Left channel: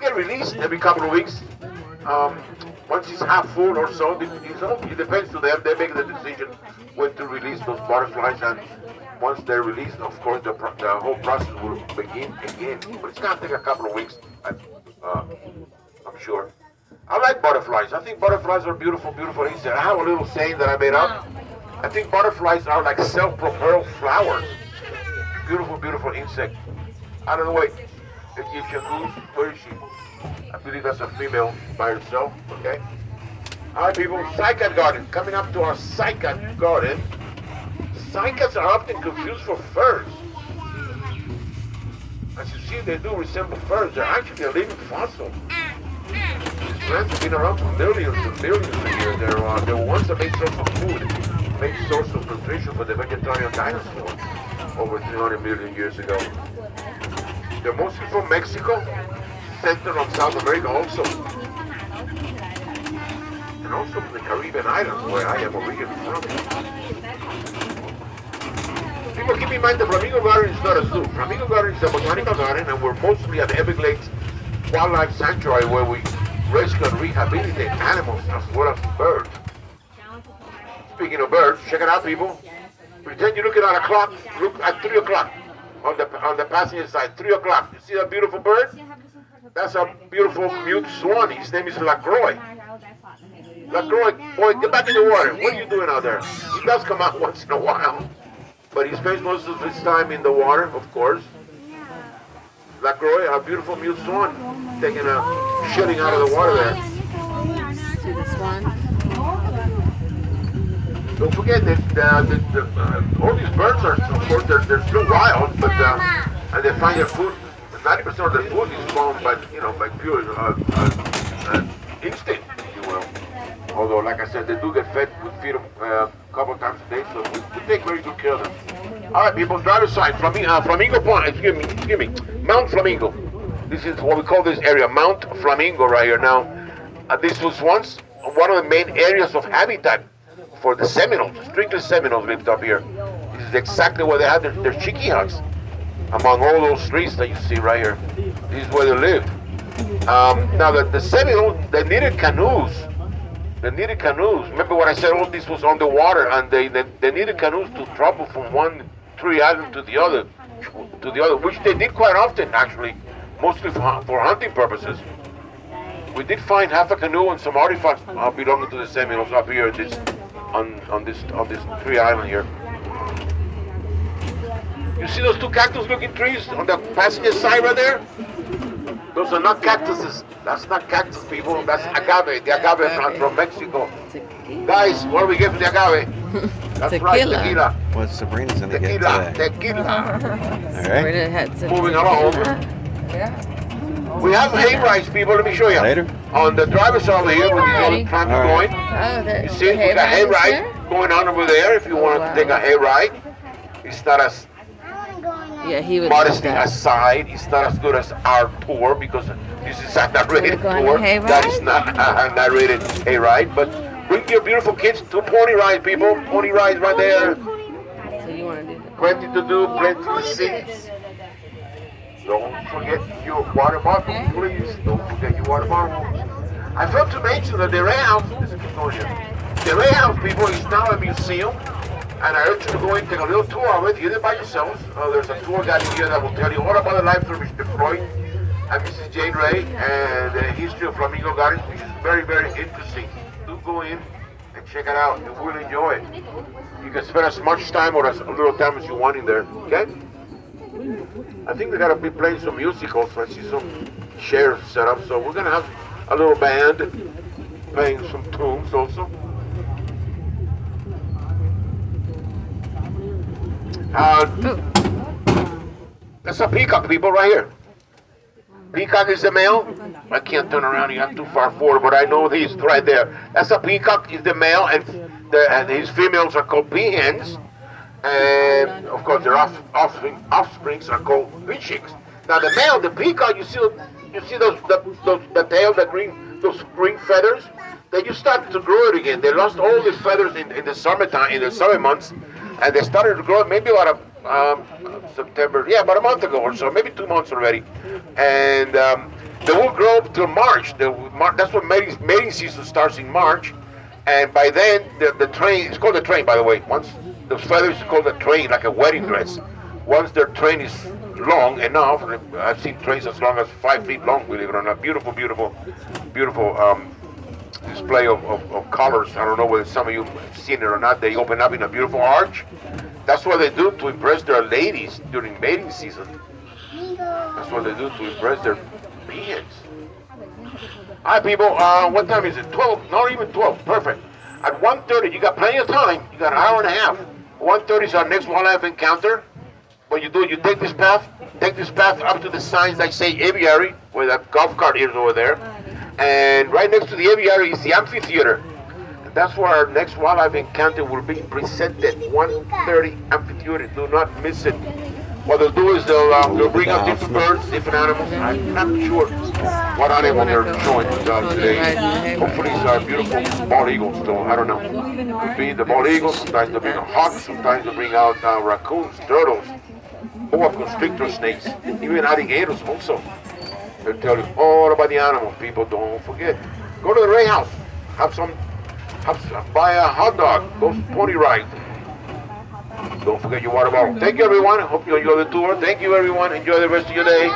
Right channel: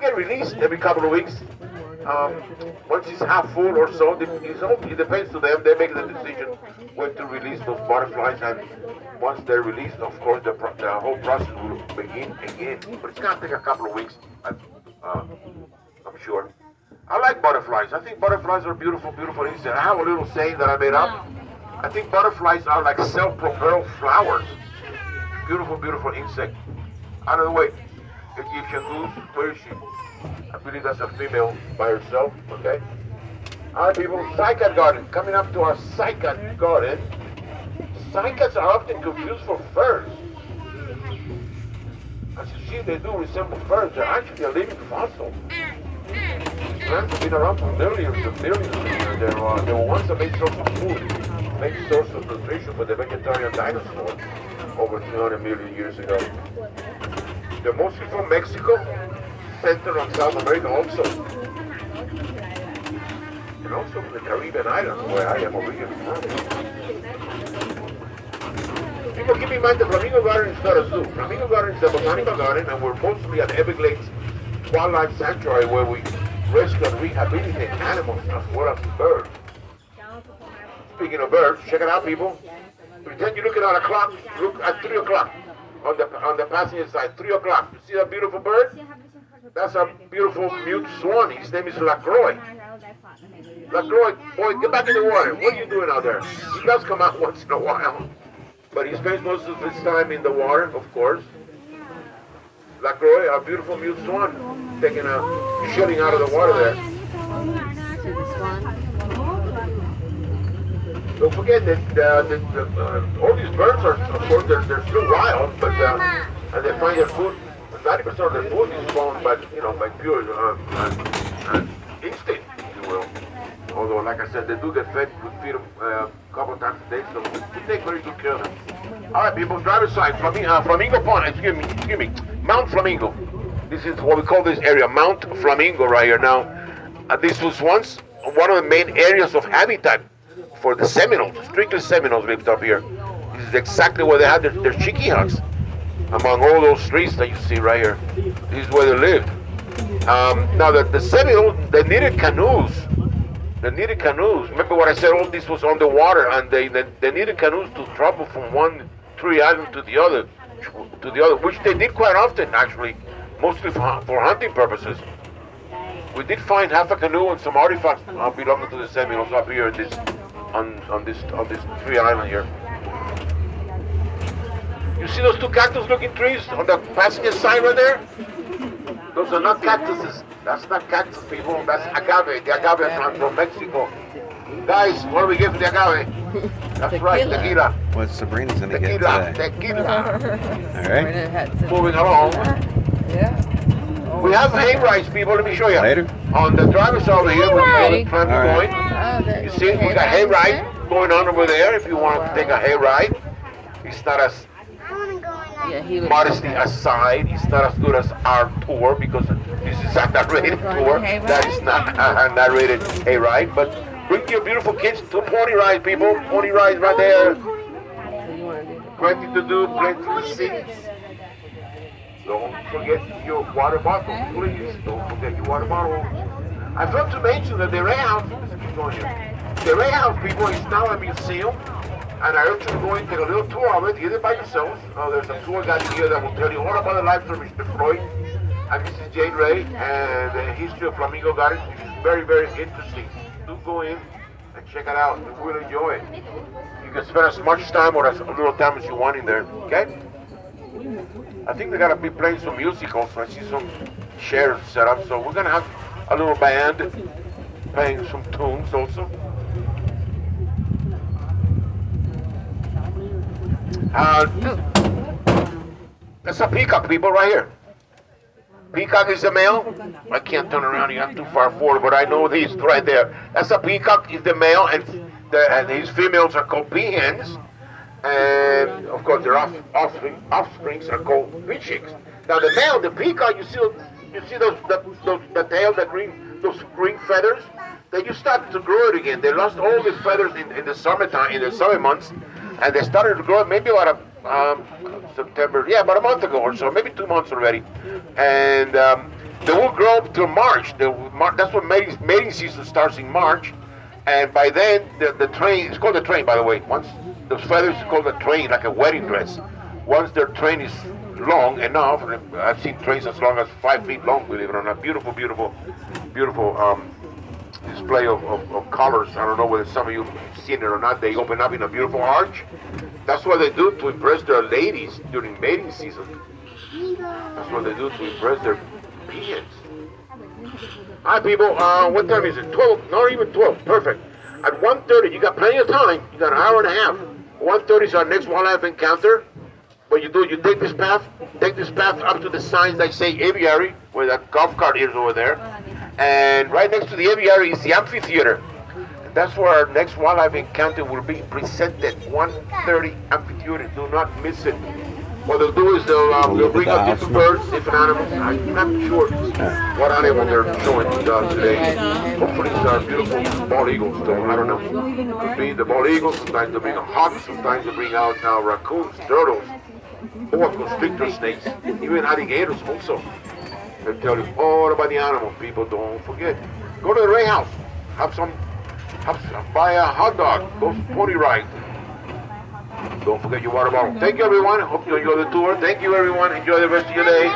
Get released every couple of weeks. Um, Once it's half full or so, it depends to them. They make the decision when to release those butterflies, and once they're released, of course, the whole process will begin again. But it's gonna take a couple of weeks, uh, I'm sure. I like butterflies. I think butterflies are beautiful, beautiful insects. I have a little saying that I made up. I think butterflies are like self-propelled flowers. Beautiful, beautiful insect. I don't know, wait. Egyptian goose, where is she? I believe that's a female by herself, okay? All right, people, cycad garden. Coming up to our cycad garden. Cycads are often confused for furs. As you see, they do resemble furs. They're actually a living fossil. These plants have been around for millions and millions of years. They were once a main source of food, main source of nutrition for the vegetarian dinosaurs over 300 million years ago. They're mostly from Mexico, Central and South America also. And also from the Caribbean islands, where I am originally from. People keep in mind the Flamingo Garden is not a zoo. Flamingo Garden is a botanical garden, and we're mostly an Everglades wildlife sanctuary where we rescue and rehabilitate animals as well as birds. Speaking of birds, check it out, people. Pretend you're looking at a clock. Look at 3 o'clock on the passenger side. 3 o'clock. You see that beautiful bird? That's a beautiful mute swan. His name is LaCroix. LaCroix, boy, get back in the water. What are you doing out there? He does come out once in a while, but he spends most of his time in the water, of course. LaCroix, a beautiful mute swan, taking a shilling out of the water there. See the swan? Don't forget that all these birds are, of course, they're still wild, but and they find their food. 90% of their food is found by pure instinct, if you will. Although, like I said, they do get fed. We feed them a couple of times a day, so we take very good care of them. All right, people, driver's side, Flamingo Pond. Excuse me, Mount Flamingo. This is what we call this area, Mount Flamingo, right here. Now, this was once one of the main areas of habitat for the Seminoles. Strictly Seminoles lived up here. This is exactly where they had their chicky huts. Among all those trees that you see right here, this is where they lived. Now the Seminoles, they needed canoes. Remember what I said? All this was on the water, and they needed canoes to travel from one tree island to the other, which they did quite often, actually, mostly for hunting purposes. We did find half a canoe and some artifacts belonging to the Seminoles up here on this tree island here. You see those two cactus-looking trees on the passenger side right there? Those are not cactuses. That's not cactus, people. That's agave. The agave plant from Mexico. Guys, what do we get for the agave? That's right, tequila. What Sabrina's gonna get today? Tequila. All right. Moving along. Yeah. We have hay rides, people. Let me show you. Later. On the driver's side over here, where the tram is going. You see, we got hay rides going on over there. If you want to take a hay ride, it's not as modesty aside, it's not as good as our tour because this is a narrated tour. That is not a narrated hay ride. But bring your beautiful kids to pony ride, people. Pony rides right there. Plenty to do, plenty to see. Don't forget your water bottle, please. Don't forget your water bottle. I forgot to mention that the Ray House, the Ray House, people, is now a museum. And I urge you to go in, take a little tour of it, get it by yourselves. There's a tour guide here that will tell you all about the lives of Mr. Floyd and Mrs. Jane Ray and the history of Flamingo Gardens, which is very, very interesting. Do go in and check it out. You will enjoy it. You can spend as much time or as little time as you want in there, okay? I think they're gonna be playing some music also. I see some chairs set up, so we're gonna have a little band playing some tunes also. That's a peacock, people, right here. Peacock is the male. I can't turn around, you got too far forward, but I know he's right there. That's a peacock, is the male, and his females are called peahens. And of course, their offsprings are called peachicks. Now the male, the peacock, you see the tail, those green feathers. They just started to grow it again. They lost all these feathers in the summertime, in the summer months, and they started to grow it maybe about September, about a month ago or so, maybe 2 months already. And They will grow till March. That's what mating season starts in March. And by then, the train, it's called the train, by the way. Once the feathers is called a train, like a wedding dress. Once their train is long enough, I've seen trains as long as 5 feet long, believe it or not. Beautiful, beautiful, beautiful display of colors. I don't know whether some of you have seen it or not. They open up in a beautiful arch. That's what they do to impress their ladies during mating season. That's what they do to impress their peons. Hi people, what time is it? 12, not even 12, perfect. At 1:30, you got plenty of time. You got an hour and a half. 1:30 is our next wildlife encounter. What you do, you take this path up to the signs that say aviary, where that golf cart is over there. And right next to the aviary is the amphitheater. And that's where our next wildlife encounter will be presented, 1:30 amphitheater. Do not miss it. What they'll do is they'll bring up different birds, different animals. I'm not sure what animal they're showing today. Hopefully it's our beautiful bald eagles, though. I don't know. Could be the bald eagles, sometimes they'll bring out hawks, sometimes they'll bring out raccoons, turtles, boa constrictor snakes, even alligators also. They'll tell you all about the animals, people. Don't forget. Go to the Ray House. Buy a hot dog. Go pony ride. Don't forget your water bottle. Thank you, everyone. Hope you enjoy the tour. Thank you, everyone. Enjoy the rest of your day.